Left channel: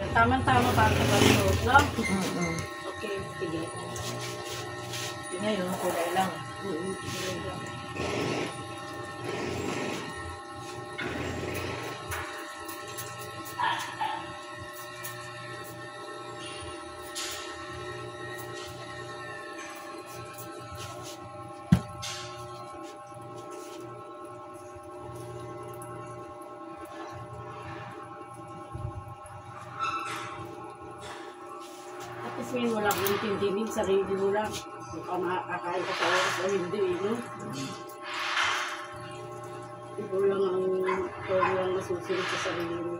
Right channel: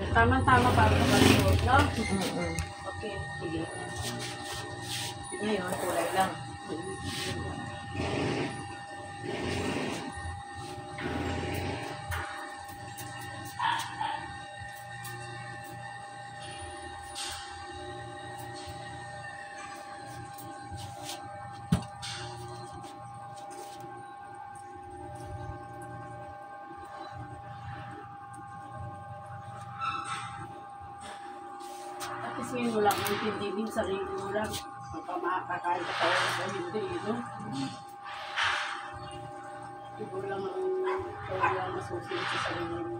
Tama-tama para sa balot, no? Okay, sige. Ngayon, kulay lang. At least ngayon mo lang intindihin, sarili mo lang. Kung ka makakain ka sa oras o hindi, no? Ikaw lang masusunod sa sarili mo.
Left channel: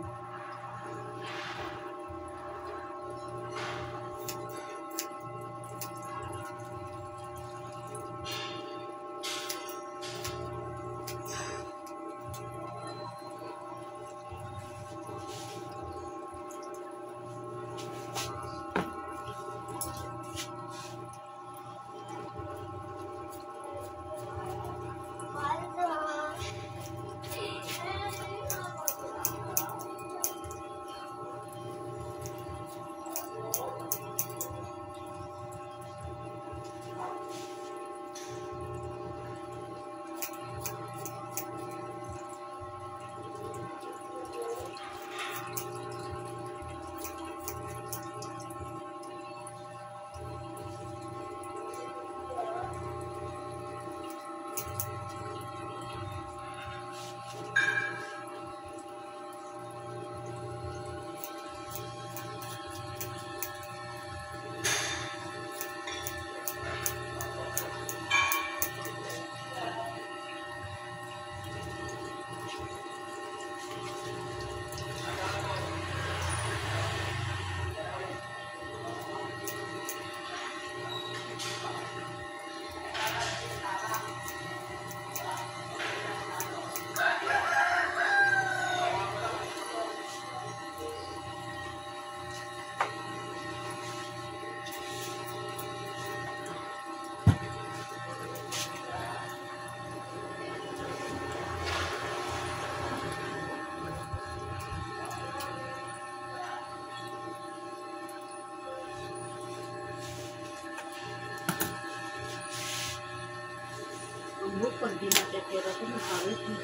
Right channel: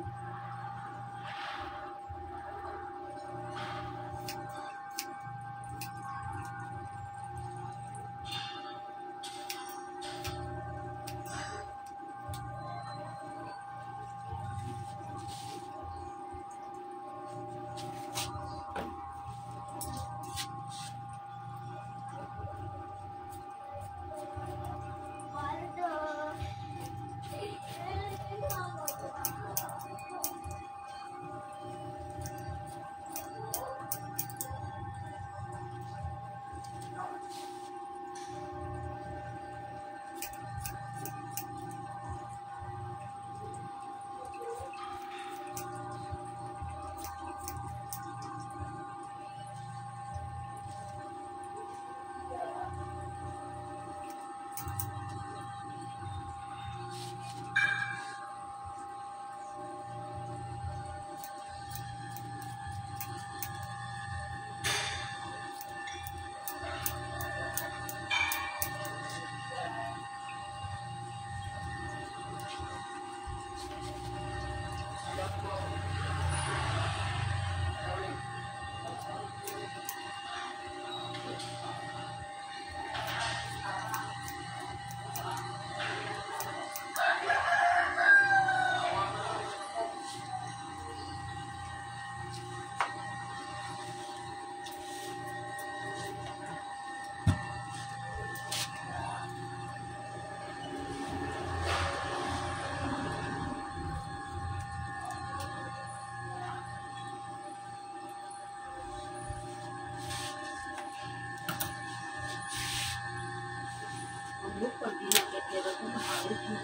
Pag di nakikira ko, nakalit mo.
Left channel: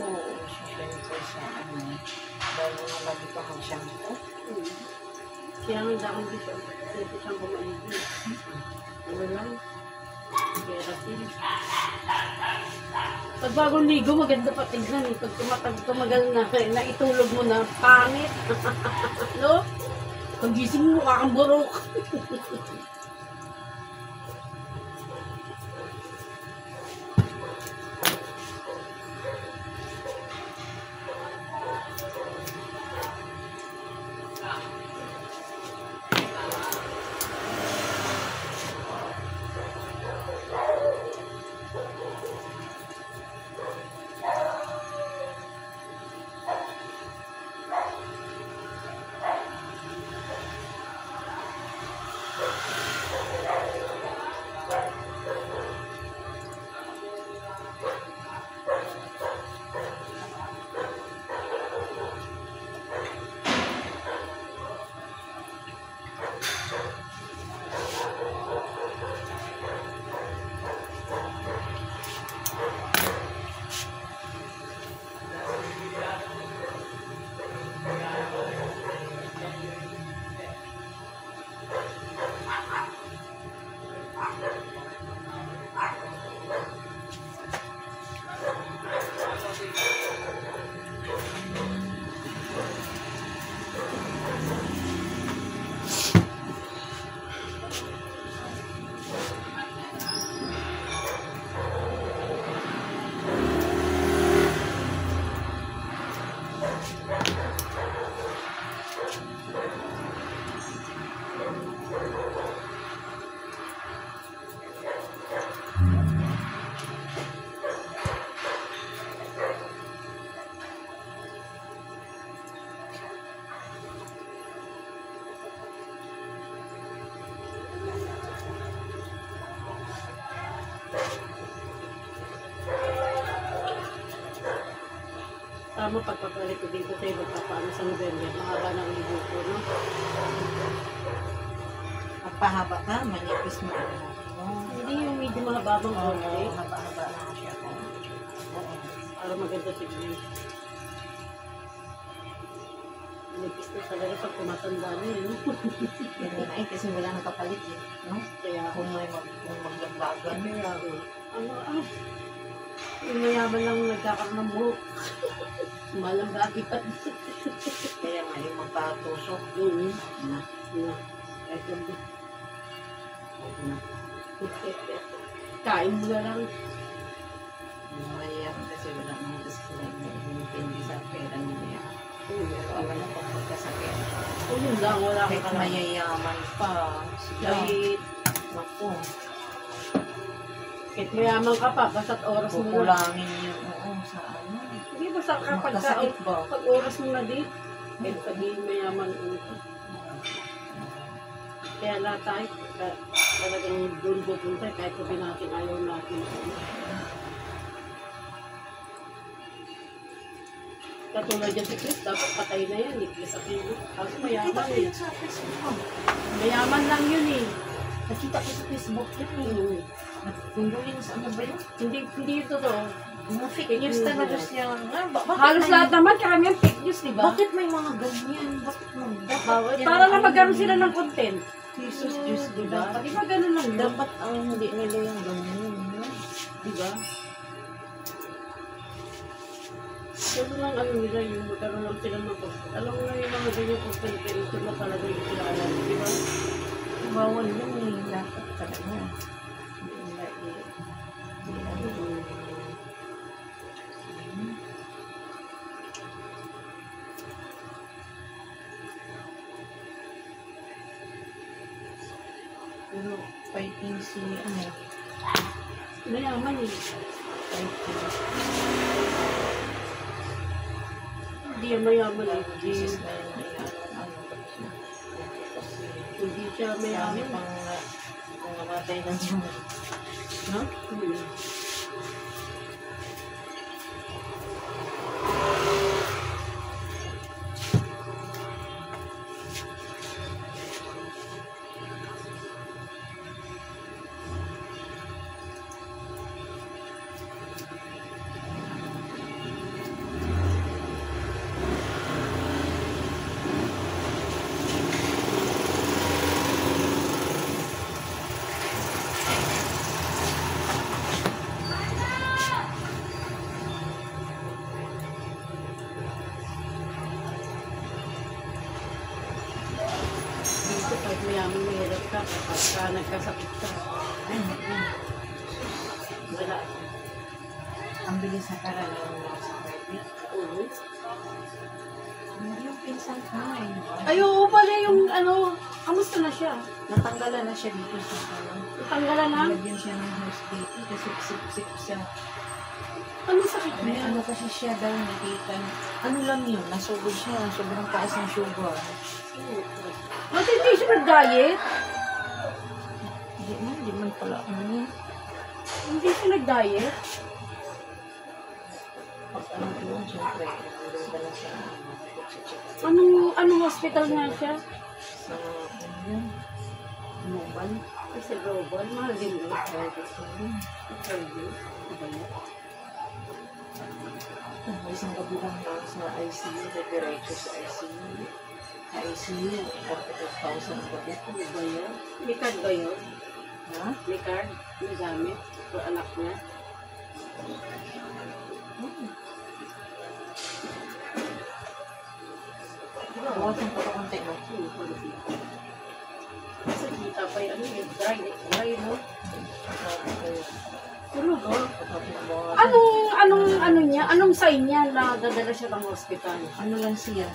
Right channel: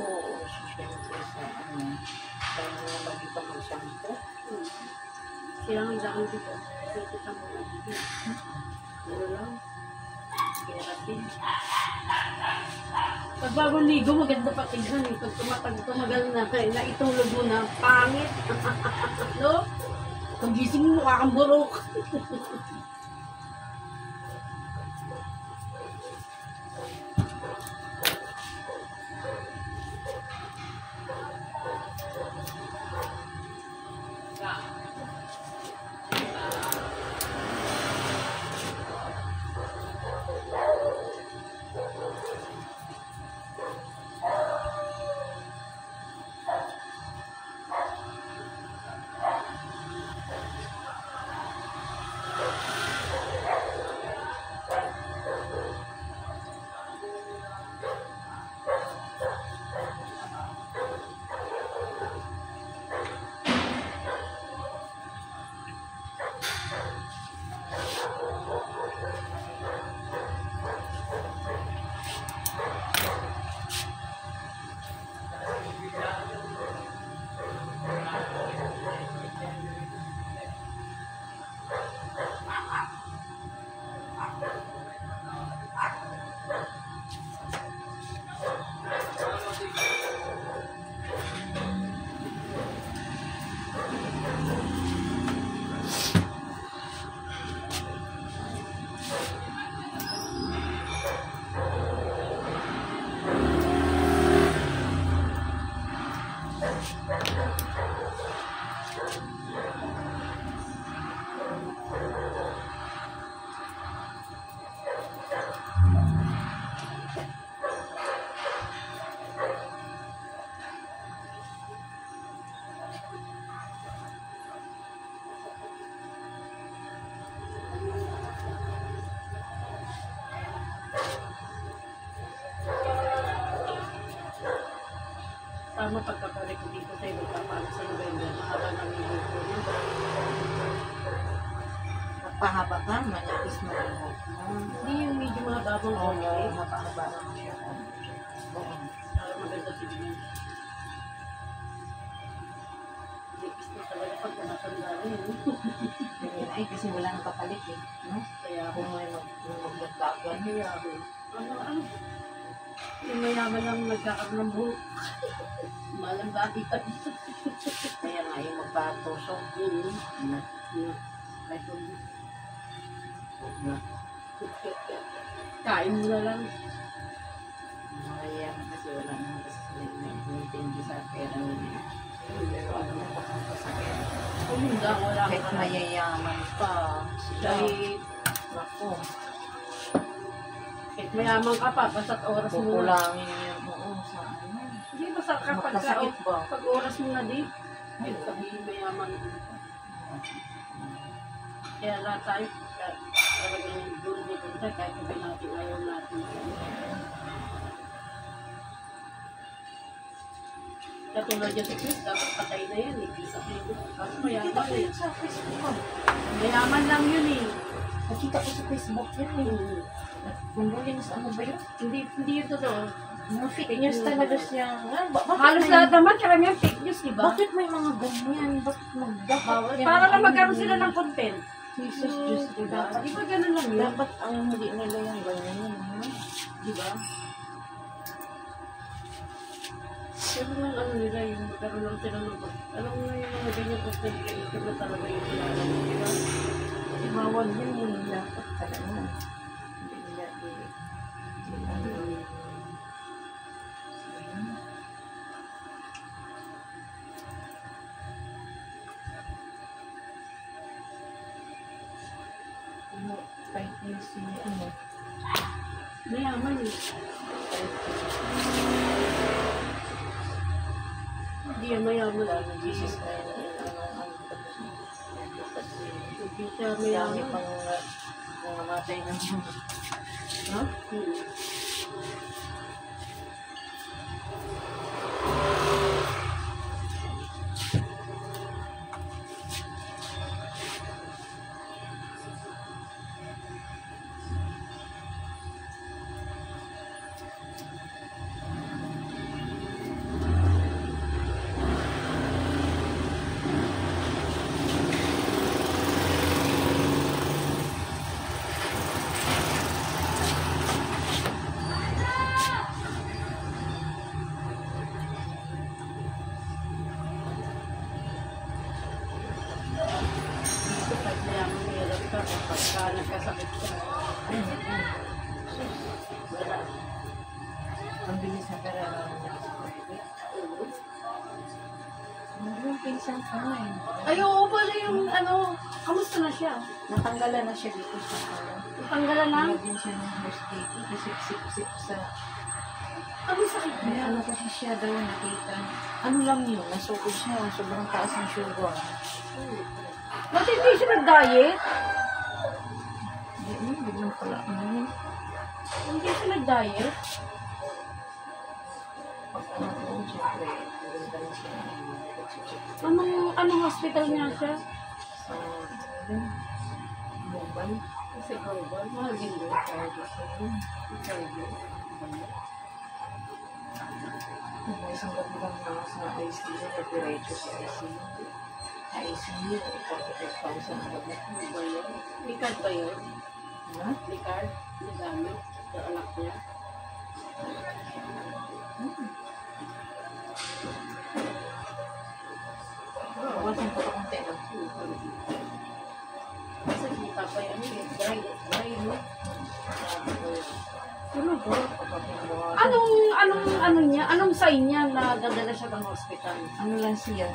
Oo, siyempre sa ano. Dahil na lagi pa mag-shampoo. Kaya nga dahil dito, dito siyang bumalik. Ano lang, keratin. Pag bagong ligo, maganda pa tignan eh. Pag tumagal na, naitulog mo na, pangit. No? Pag gising mo, mukha kang burok. Tama pagkabalik ko dito tayo magkapano sa November, mahaba ng libo ko. Pahaba ka, manipis mo ang buhok mo. Hindi yung medyo mahababang Oo, konti. mapahaba lang siya ko. Oo. Para maganda tignan. Nipis na talaga pag tumatanda na yun. Yun ay, kasi wala nang kapalit eh. No? Kaya, Kung magdagdagan. ano, yung mayaman lang nagkakaroon ng buhok. Malang bagay pa. Kaya nga yung magpatusok. Na. Ito din. Na. Kain mo na lang. Nakaya ko kasi wala naman kasi sila yung hindi sa pera niya. Pero alam mo, pag magkasakit. O yun lang, wala Kahit ka mayayaman pa. Kahit, Naku. kahit mayaman ka pa, basta't oras mo na. Kukulangin yun. Oo, sa ano. Hindi, basta kapag Magkasakit ba? pag oras mo na din, kahit sabihin mayaman ka. Kaya lahat tayo, talagang dun siya, kahit sabihin natin ayaw natin. Katulad yan si Chris, dapat patay na yan, Chris at Lilo. Tapos Nakita mayaman ko eh. yun sa Facebook ko. Mayaman lang yun eh. Nakita ko sa Facebook yun eh. Kung yun sa ano ba yun? Hindi yun totoo. Mga fake news talaga siya. Halos lahat naman, karamihan fake news, di ba? Bakit may mga ganyan? Bakit magdapat yan? Para lang magkaroon sila ng content. Jesus, Diyos, Diba? diba? Di ba ganun lang yun? Dapat ang hindi nila yung ganyan yun. Di ba? Pero lang ano nila yung magkaroon lang sila ng content. Alam mo yung mga ganyan content, ito na talaga yung kilala. Di ba? Bawal yun eh. Dapat talaga. Hindi nila Ano, fighting si, ano, Mayaman eh. fighting. Hindi yan mayaman eh. Jesus na yun, ano, kasi, Hindi siya dami mayaman. pang, kung namatay ng Diyos. No? Hmm. Dito kahit mayaman mahirap ka kapag ka nagkasakit ka. Wala. Ang bilis na karala ng nasa private. Oo. Ano yung pinsan ko nga eh. Ay, oo pala yung ano, kamusta na siya? Natanggalan na siya dito sa ano. Tanggalan na? Nilagyan siya ng host dito kasi sip-sip sa... Ano sakit May niya? ano kasi siya daw nakita. Ano lang yun, nasugod siya. Sobrang taas ng sugar. Ba't hindi siya nag-diet? Hindi man pala. Ano yun? Hindi siya nag-diet? Pag ano doon, siyempre, nandun ka na sa Anong hospital nga siya? sa ano yun? Global. Kasi global, mahal din yun. Private yun. Saudi. May isang kabilang na sa ICU, diretso sa ICU. Sa ICU, 45,000 ang gabi. Ano ba yun? May card ba yun? Ha? May card? May gamit? Sa anak niya? Bawasan ko ito konti, no? Kasi kita pa yung ano yun, dry, no? Ano ba? Ano? Ano niya? Anong sign niya na dadala siya ng hospital? Ano lang siya?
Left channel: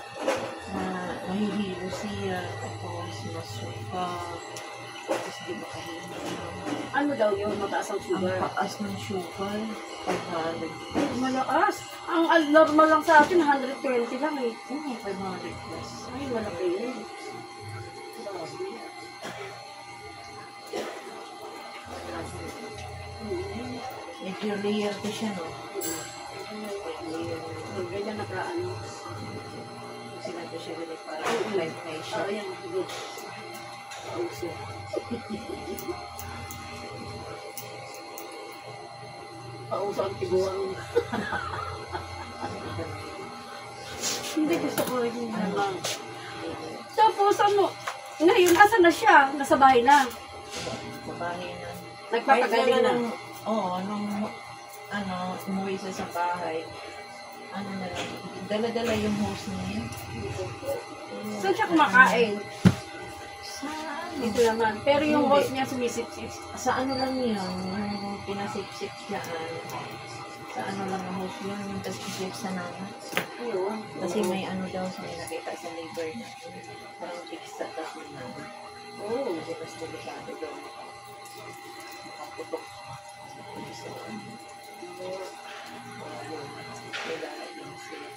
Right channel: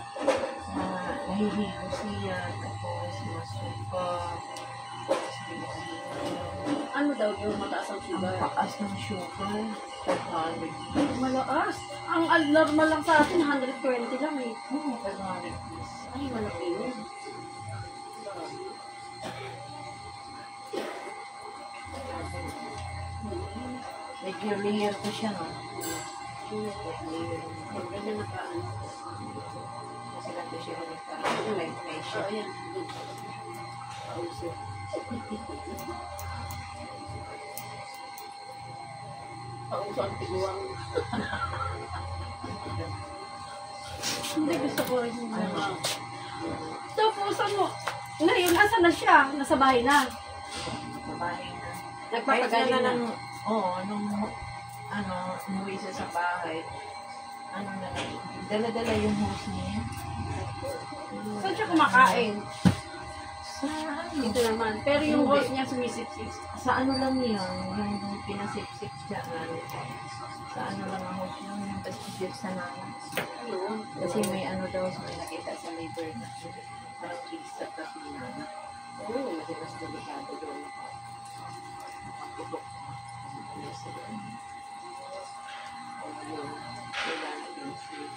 Nahihilo siya, tapos masuka, tapos di makahilo. Ano daw yung mataas ang Ang sugar? paas ng sugar, 500. Malakas. Ang normal lang sa atin, 120 lang eh. Oo, 500 plus. Ay, malaki yun. Grabe. Medyo layer ko siya, no? Yung ganyan nakaano. Kasi lang ko siya ganit para life Oo, pressure. yan. Good. Pauso. Pauso ang tiguang. Hindi gusto ko rin yung naman. Tapos ano, ngayon, asa na siya? Nasa bahay na. Sa bahay na. Nagpapagaling na. Oo, nung umuwi siya sa bahay, ano na lang, dala-dala yung host niya. Saan siya kumakain? Sa ano? Dito naman. Pero yung Hindi. host niya sumisip-sip. Sa ano lang yun, yung pinasip-sip dyan. Sa ano lang ang host yun, yung pasip sa nana. Ayun. Kasi may ano daw sa may nakita sa labor na parang fixed sa tas ng nana. Oo. Kasi mas delikado daw. Makaputok. Kailangan din siya.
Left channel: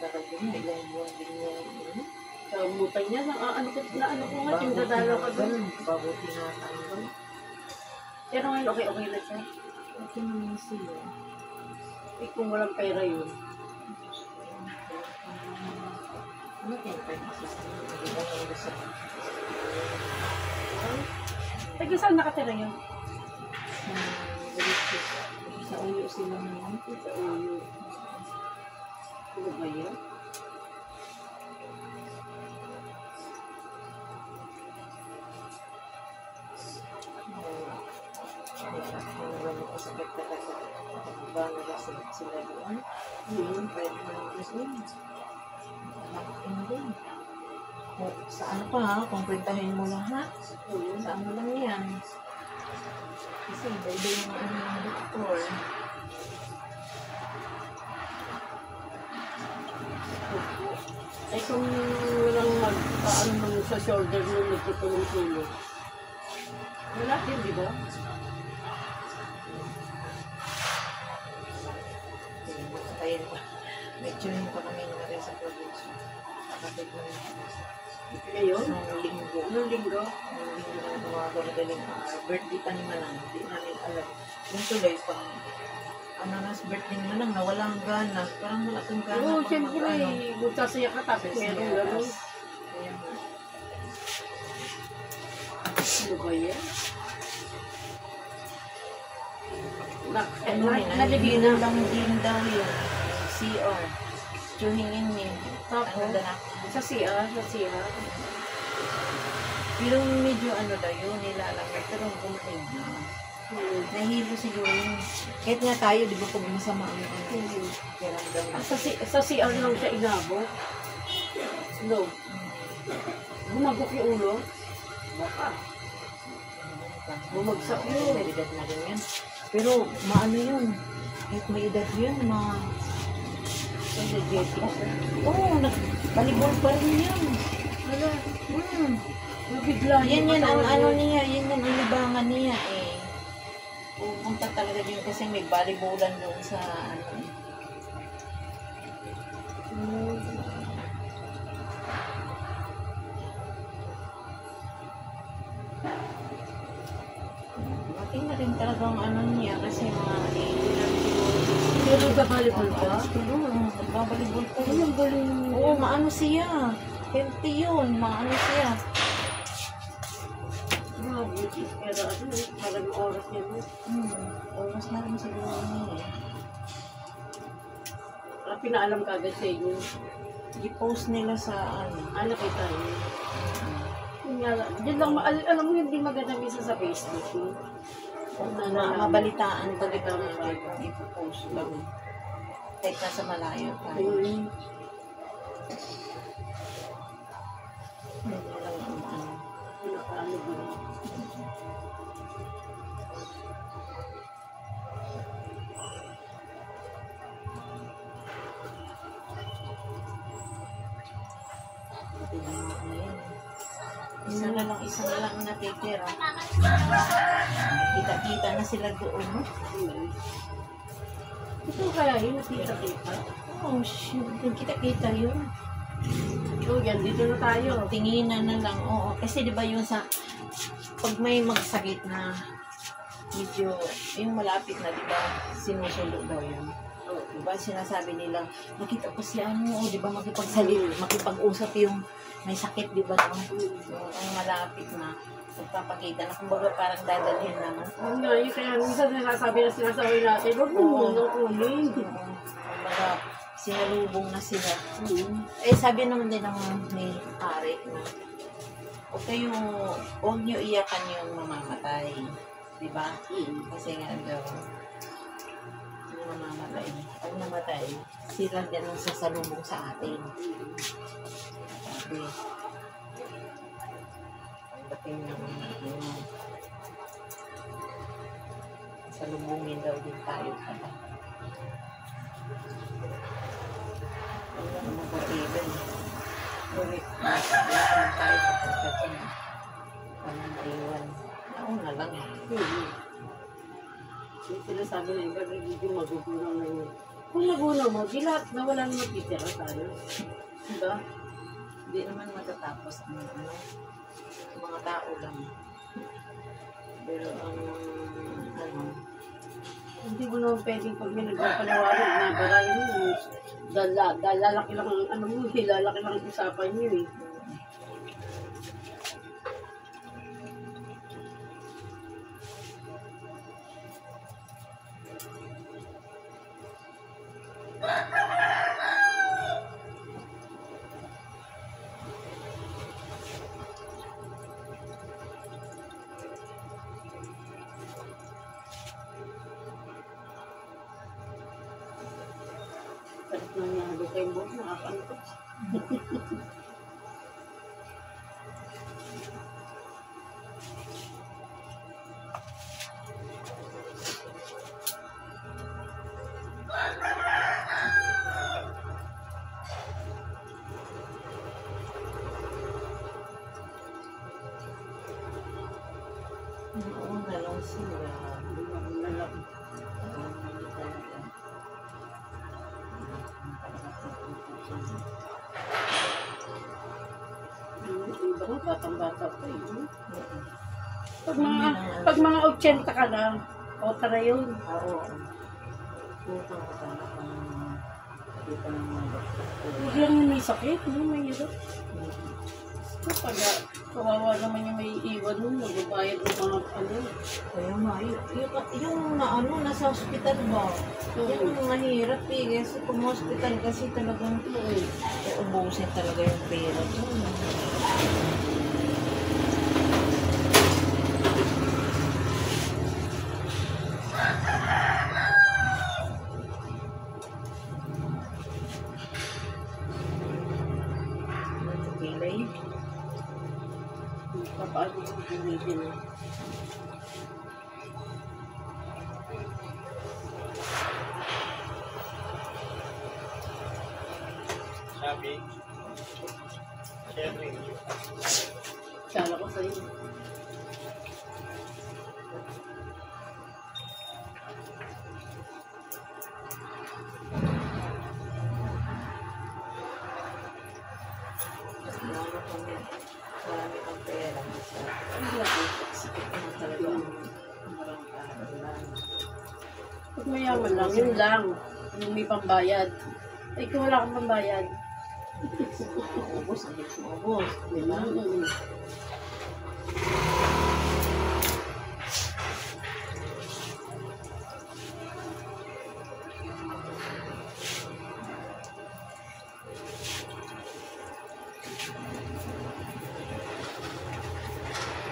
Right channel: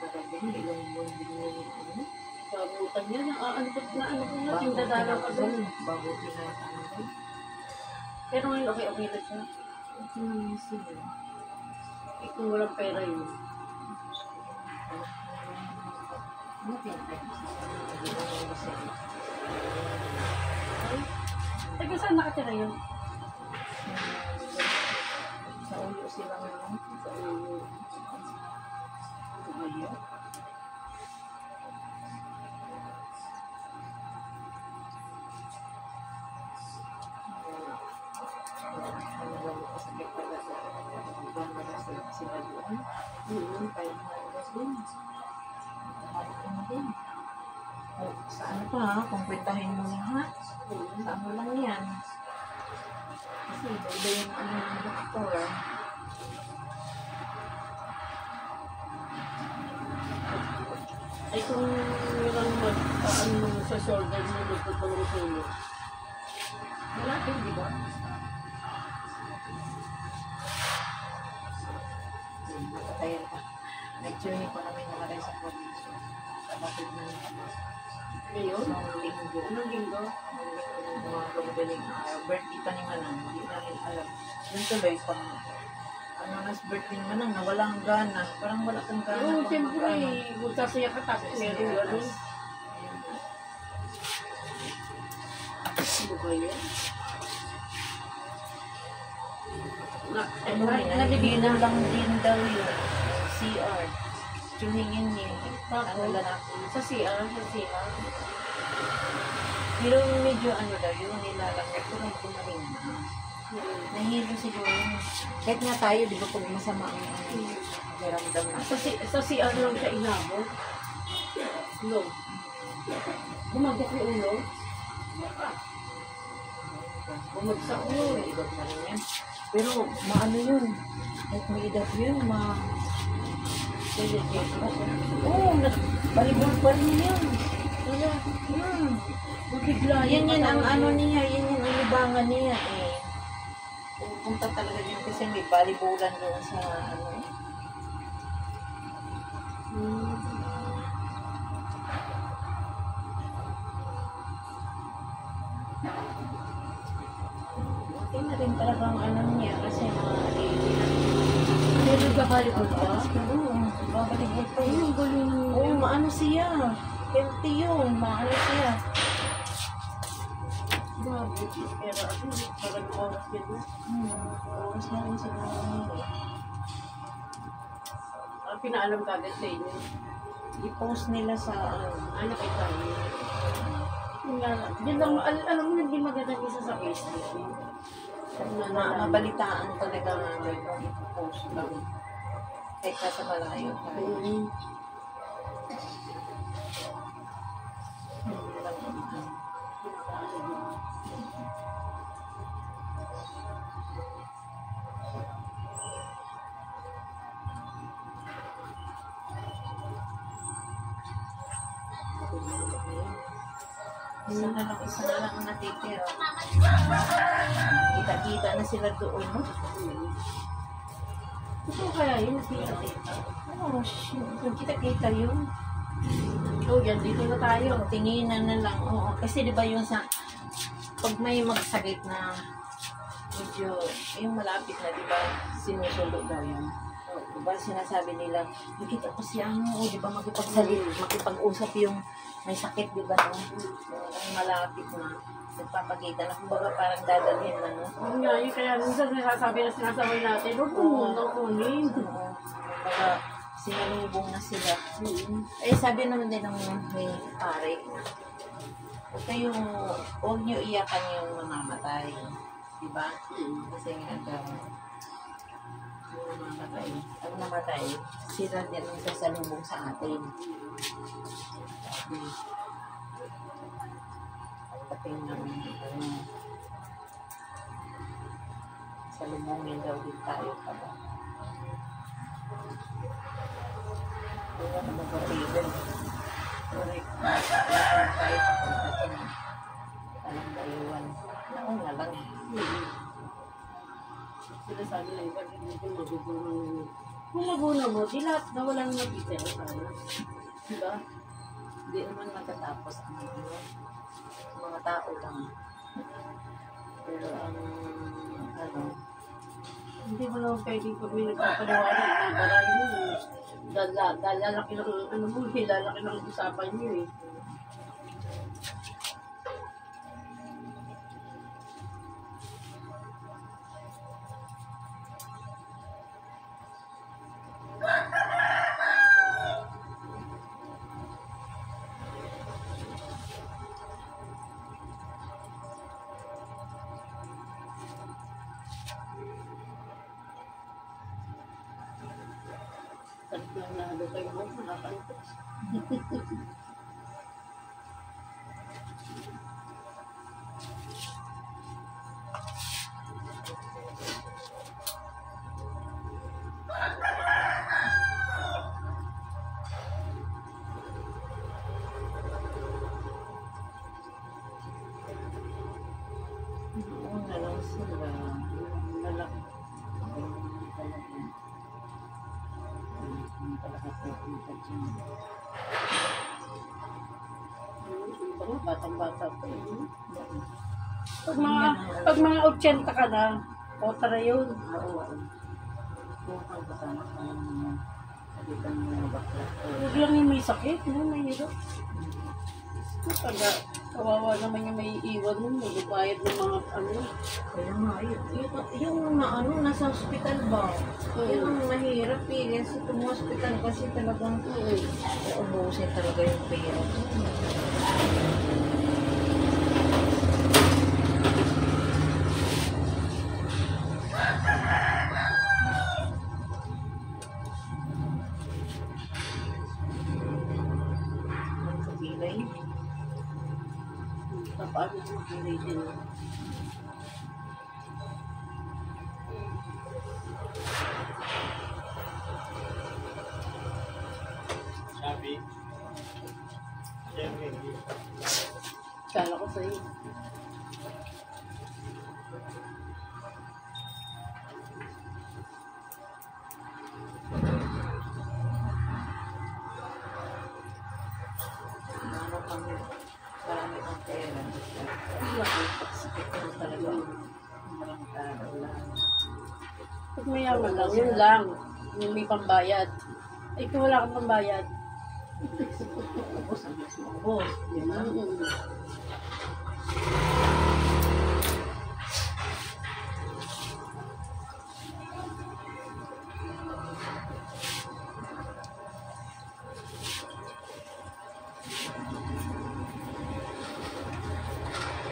Parang yun, ilang buwan din yung ano. Kamutan niya. Ano ko nga, yung dadalaw ka doon. Bago tinatanggal. Pero ngayon, okay na siya. Okay naman siya. Eh, kung walang pera yun. Ano tinatay kasi sa ibang mga sa Taga saan nakatira yun? sa uyo sila naman. Sa uyo. Ano ba yun? Sakit talaga. Magkano ba sila doon? Kahit na doon. Makin din. Sa ano pa ha? Kung kwentahin mo lang ha? Sa ano lang yan? Kasi iba yung ano ng doktor. Ay kung walang mag-ano naman sa shoulder mo, nagtutulong-tulong. Wala din, di ba? Matakayan pa. May tuning pa kami naman sa probinsya. Kapatid ng Ayun. nung linggo. Anong linggo? Nung linggo na gumawa madaling araw. Birthday pa ni Manang. Hindi namin alam. Yung tuloy pang ano nas birthday ni Manang na walang gana. Parang wala kang gana. Oo, pang siyempre, mag-ano. magsasaya ka tapos meron gano'n. Ayun na. Ano ba yan? Ano rin, nalibinan lang din daw yun. CR. Tsuhingin niya. Ano lalaki. Sa CR, sa CR. Pero medyo ano daw yun, nilalangit. Pero gumaling na. Nahilo si Louie. Kahit nga tayo, di ba pag masama ang ano, kiramdam na. Sa CR lang siya inabot. No. Bumagok yung ulo. Baka. Bumagsak yun. May edad na rin yan. Pero maano yun. Kahit may edad yun, Energetic siya. Oo, nagbalibol pa rin yun. Wala. Mabigla. Yan ang ano niya, yan ang libangan niya eh. Pupunta talaga yun kasi may balibolan doon sa ano eh. Okay na rin talagang ano niya kasi mga Pero nagbabalibol ba? Oo, nagbabalibol pa Ay, yun. ang galing. Oo, maano siya. Healthy yun, maano siya. Grabe. Pero ano, parang oras niya mo. Oras na rin siguro niya. Pinaalam ka agad sa inyo. I-post nila sa ano. Ano kay tayo? Diyan lang, alam mo hindi maganda bisa sa Facebook. Mabalitaan talaga nga i-post lang. Kahit nasa malayo tayo. Hindi lang ang ano. Isa na lang ang natitira. Kita-kita na sila doon, no? Ito kaya yun, nakita-kita. Oh, shoot. Kita-kita yun. So, yan, dito na tayo. Tinginan na lang, oo. Kasi di ba yun sa, pag may magsakit na, medyo, yung malapit na, di ba, sinusulo daw yun. Di ba, sinasabi nila, nakita ko si ano, o di ba, makipag-usap yung may sakit, di ba, no? Yung ang malapit na, nagpapakita na, kumbaga parang dadalhin na, no? Yun nga, yun kaya minsan sinasabay natin, huwag mo muna kunin. Oo. Kumbaga, sinalubong na sila. Mm. Eh, sabi naman din ng may pare na, huwag niyo iyakan yung mamamatay. Di ba? Kasi nga daw, yung mamamatay, ang namatay, sila din ang sasalubong sa atin. Sabi, pagdating ng salubungin daw din tayo pala. Wala ka mag-iban. Ulit na tayo papunta dyan. Walang maiwan. Nauna lang eh. Yung sinasabi na iba, hindi magugulang na yun. Kung nagulang mo, di lahat na walang magtitira tayo. Diba? Hindi naman magtatapos ang mga tao lang. Pero ang hindi mo naman pwedeng pag may nagpapaliwanag na barahin mo. Lalaki lang ang lalaki lang ang usapan niyo eh. Salit lang niya, doon kayo mo, nakakantot. nauna lang sila. Malaki. Iba nga, batang-bata pa eh. Pag mga 80 ka lang, o tara yun. Oo. Tutang kasama ka ng mga kabita ng mga bakla. Huwag lang yung may sakit, no? May hirap. Pag kawawa naman yung may iwan mo, magbabayad ng mga ano. Kaya nga, yung nasa hospital ba? Yan ang mahirap eh. Kasi kung hospital kasi talagang uubusin talaga yung pera. Pilay. Paano kung hindi din? Sabi, sharing you. Kala ko sa'yo. Ano kami, marami kang pera. Sakit na talaga ang marang tao lang. Pag mayaman lang, yun lang. Yung may pambayad. Ay, kung wala kang pambayad. Ubus, ang gusto mo, ubus. Di ba?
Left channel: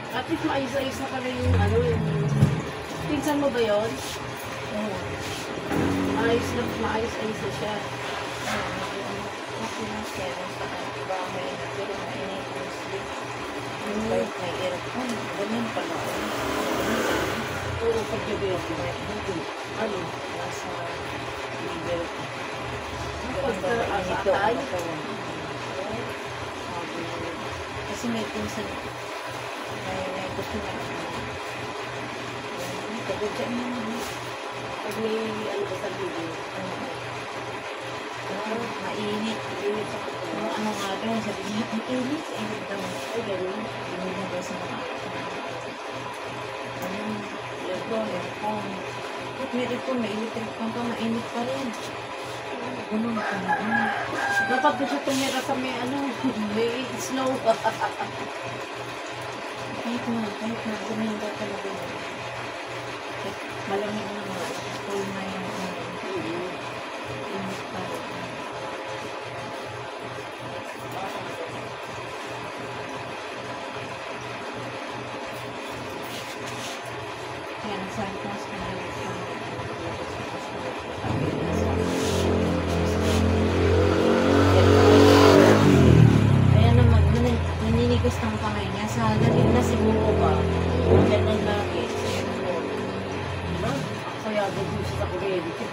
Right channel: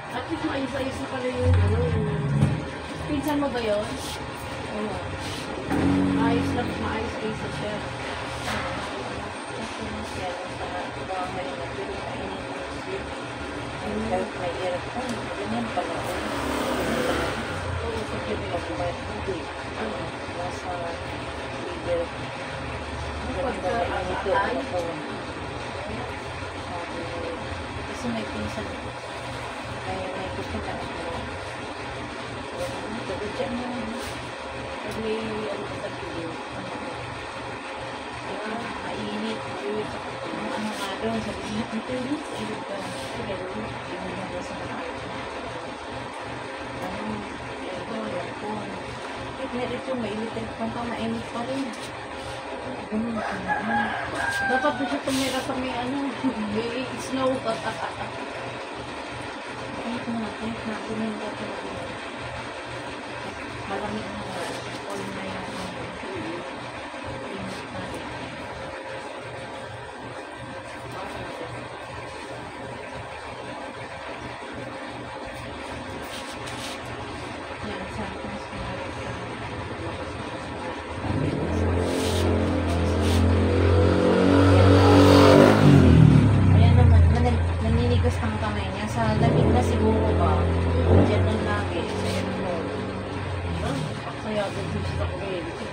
At least maayos-ayos na pala yung ano, yung... Pinsan mo ba yun? Oo. Maayos-ayos na siya. Kasi mas yan, sa bahay na pero mainit yung sleep. Kahit may aircon, ganyan pala. Oo, pag gabi ako. Hindi. Ano? Nasa liver. Pagka Mainit yung atay? ano ko. Sabi niya. Kasi may pinsan. May gusto na ako. Tagad dyan naman. Pag may ano ba sa video. Mainit. Yung ano nga daw, sabi niya, ang init. Init daw. Ay, gano'n. Init na daw sa mga ano, aircon. May aircon, may electric fan pa, mainit pa rin. ganun ka na. Dapat doon siya tumira sa may may snow. Kahit na, gumanda talaga. Malamig na nga. All na yung init pa rin. Yan, sometimes pinalit ko ayan naman, naninigas ng kamay niya. Sa lamig na siguro ba? Yan lang lagi. Sa airport. Diba? Kaya doon siya sa kuryente.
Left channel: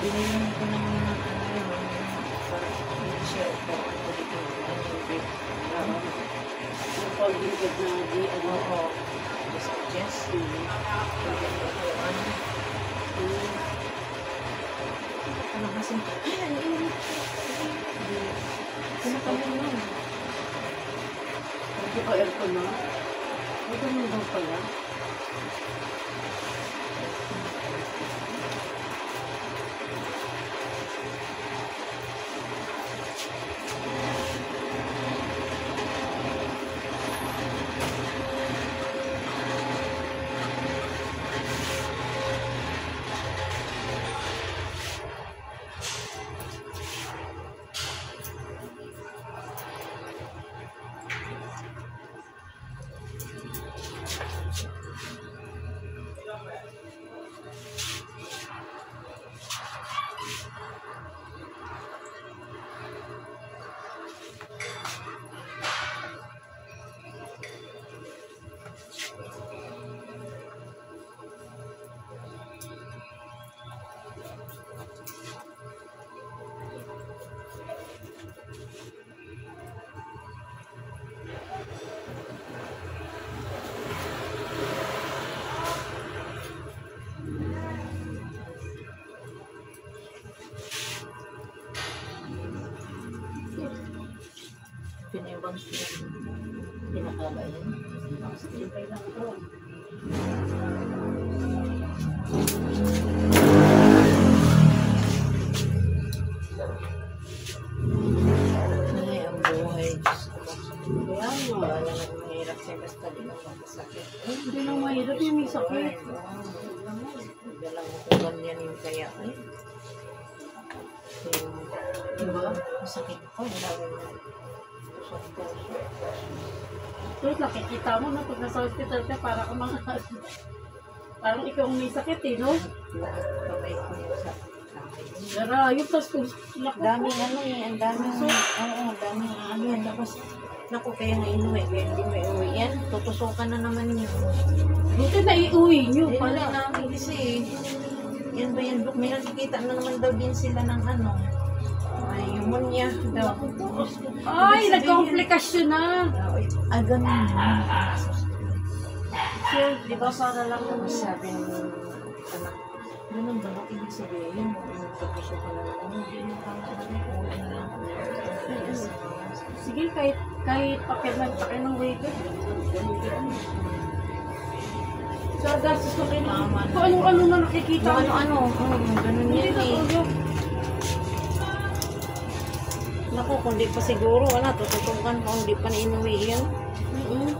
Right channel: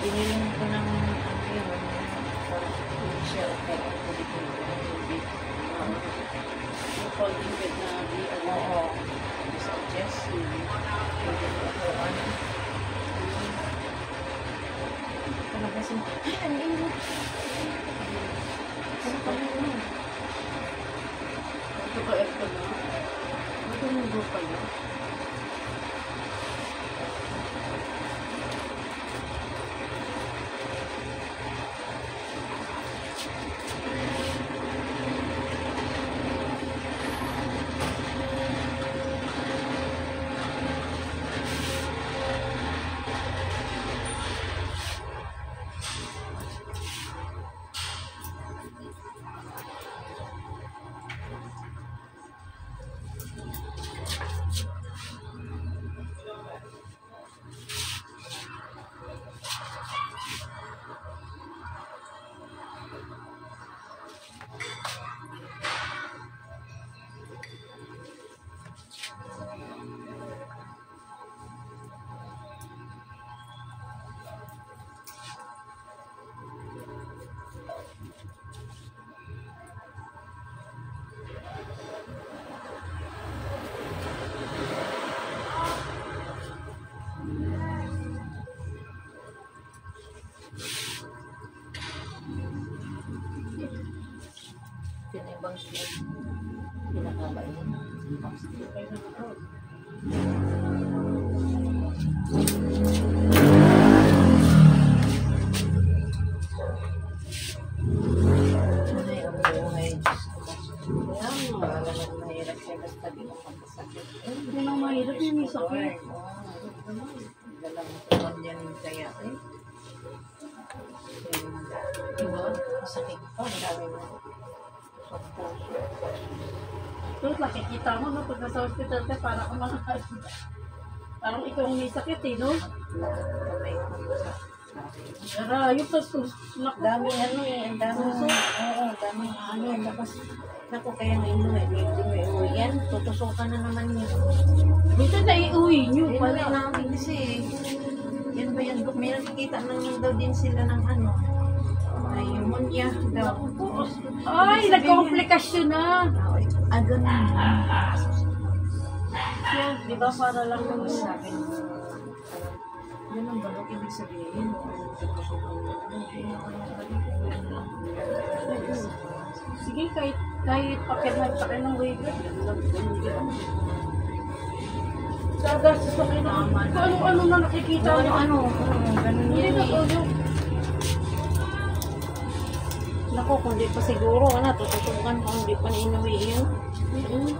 Binili ko ng ano yun. Sa shell ko. Tubig. Folding bed na di Oo. Sa chest. Ano ba siya? Ay, ang init. Ano ka mo nun? Ito ka aircon na. Ito mo doon pala. Pinimbang siya. Pinakaba yun. Sipay lang ito. Nanay ang buhay. Diyos ko. Kaya nga. Wala nang mahirap siya basta din ang magkasakit. Hindi nang mahirap yung may sakit. Dalang tuwan yan yung kaya eh. Diba? Masakit pa. Lagi mo. Tusok puso. Tapos nakikita mo na pag nasa hospital ka, parang parang ikaw ang may sakit eh, no? Lahat kamay ko sa akin. Narayot, tapos kung Daming ano eh, ang daming, oo, daming ano eh, tapos, naku, kaya nga inuwi, kaya hindi mo iuwi yan, tutusukan na naman niya. dito na iuwi nyo Hindi pala. namin kasi, yan ba yan, may nakikita na naman daw din sila ng ano, may pneumonia daw. Ay, nagkomplikasyon na. Agam yun. So, di ba para lang Tapos naman sabi ng anak, ganun ba, bakit ibig sabihin, tutusukan na naman, hindi na kami uwi na lang. sige, kahit pakiramdam ka ng waiter. So, gastos ko kayo. Kung ano-ano na nakikita mo. Ano, ganun Hindi yan na eh. tulog. Naku, kung di pa siguro, wala, tututukan kung di pa na inuwi yan. Mm-mm.